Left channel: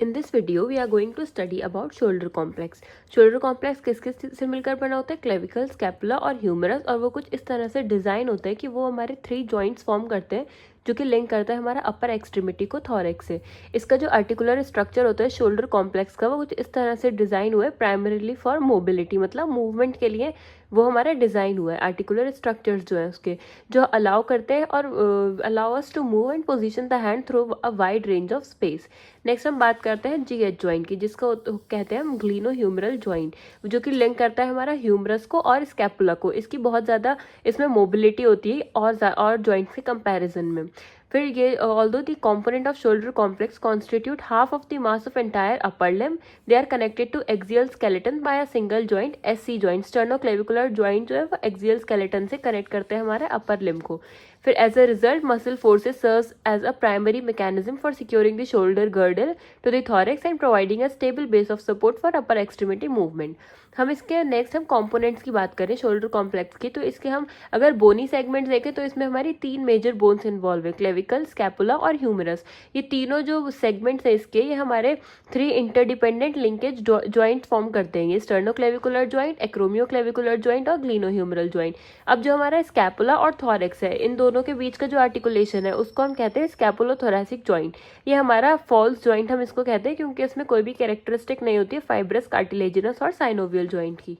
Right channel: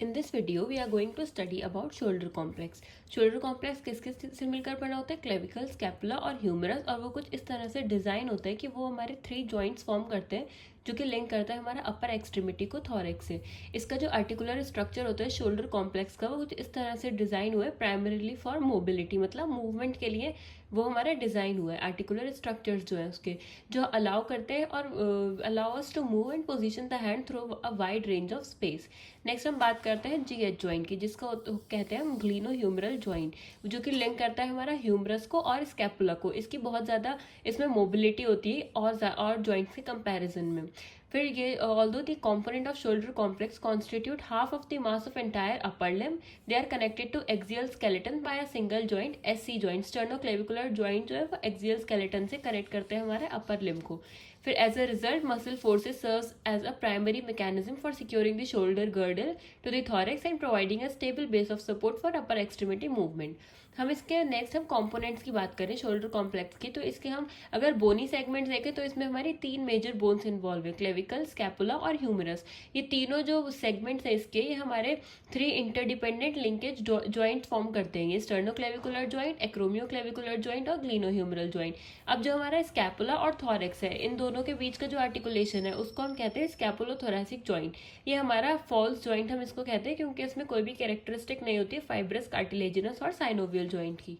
In this video, we are going to study about shoulder complex. Shoulder complex किस किस से मिलकर बना होता है? क्लेविकल, स्कैपुला और ह्यूमरस। और वो कुछ इस तरह से डिजाइन होता है कि वो हमारे 3 जॉइंट्स फॉर्म करते हैं जो कि लिंक करता है हमारा अपर एक्सट्रीमिटी को थॉरेक्स से। इसका जो आर्टिकुलर स्ट्रक्चर होता है शोल्डर कॉम्प्लेक्स का, वो कुछ इस तरह से डिजाइन हुआ है प्राइमरीली फॉर मोबिलिटी, मतलब मूवमेंट के लिए वो हमारा डिजाइन हुआ है। आर्टिकुलर स्ट्रक्चर्स जो है उसके जो अलाउ करते हैं और allow us to move and position the hand through a wide range of space. Next हम बात करते हैं जीएच ज्वाइंट की, जिसको कहते हैं हम ग्लीनो ह्यूमरल ज्वाइंट, जो कि लिंक करता है हमारा ह्यूमरस को और स्कैपुला को। इसकी बहुत ज़्यादा इसमें मोबिलिटी होती है और ज्वाइंट के कंपैरिजन में। फिर ये although the component of shoulder complex constitute half of the mass of entire upper limb, they are connected to axial skeleton by a single joint, SC joint. Sternoclavicular joint जो है वो axial skeleton से connect करते हैं हमारे अपर limb को। फिर as a result muscle forces serves as a primary mechanism for securing the shoulder girdle to the thorax and providing a stable base of support for upper extremity movement. हम इसके next हम components की बात करें shoulder complex की, तो इसके हम अगर बोनी सेगमेंट देखें तो इसमें हमारी 3 मेजर बोन्स इन्वॉल्व है, क्लेविकल, स्कैपुला और ह्यूमरस। ये तीनों जो सेगमेंट्स है इसके, ये हमारे 3 इंटरडिपेंडेंट लिंकेज ज्वाइंट फॉर्म करते हैं, ये स्टर्नोक्लेविकुलर ज्वाइंट, एक्रोमियोक्लेविकुलर ज्वाइंट और ग्लीनोह्यूमरल ज्वाइंट। अब जो हमारा स्कैपुला और थॉरेक्स है, इन दोनों के बीच का जो आर्टिकुलेशन है उसको हम कहते हैं स्कैपुलोथोरैसिक ज्वाइंट। ये हमारा फॉल्स ज्वाइंट हम इसको कहते हैं क्योंकि इसमें कोई भी कैरेक्टरिस्टिक नहीं होती है फाइब्रस, कार्टिलेजिनस और साइनोवियल ज्वाइंट की।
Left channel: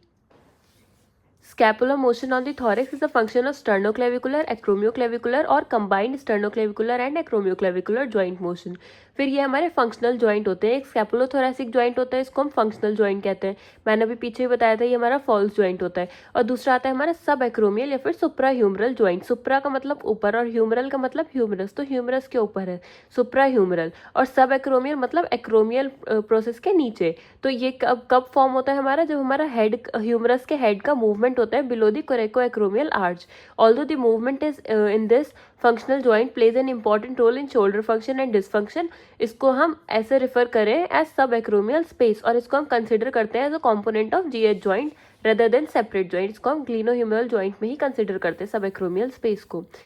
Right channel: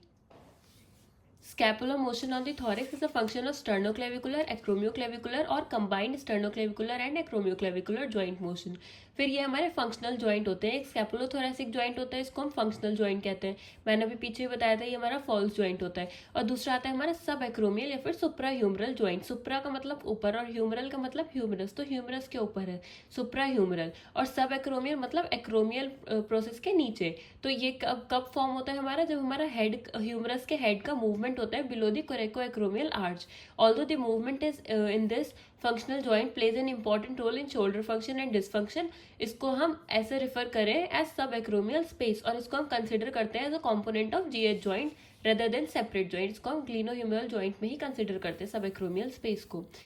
Scapular motion on the thorax is a function of sternoclavicular, acromioclavicular और combined sternoclavicular and acromioclavicular joint motion। फिर ये हमारे फंक्शनल ज्वाइंट होते हैं। एक स्कैपुलोथोरैसिक ज्वाइंट होता है, इसको हम फंक्शनल ज्वाइंट कहते हैं, मैंने अभी पीछे ही बताया था, ये हमारा फॉल्स ज्वाइंट होता है। और दूसरा आता है हमारा सब एक्रोमियल या फिर सुप्रा ह्यूमरल ज्वाइंट। सुप्रा का मतलब ऊपर और ह्यूमरल का मतलब ह्यूमरस, तो ह्यूमरस के ऊपर है सुप्रा ह्यूमरल, और सब एक्रोमियल मतलब एक्रोमियल प्रोसेस के नीचे। तो ये कब कब फॉर्म होता है हमारा, जब हमारा हेड ह्यूमरस के हेड का मूवमेंट होता है below the coracoacromial arch. Although the movement is in this functional joint plays an important role in shoulder function and dysfunction. इसको हम ऐसे रिफर करें एज सब एक्रोमियल स्पेस, और इसको हम कंसिडर करते हैं as a component of GH joint rather than separate joint. इसको हम ग्लीनोह्यूमरल ज्वाइंट में ही कंसिडर करते हैं सब एक्रोमियल स्पेस को।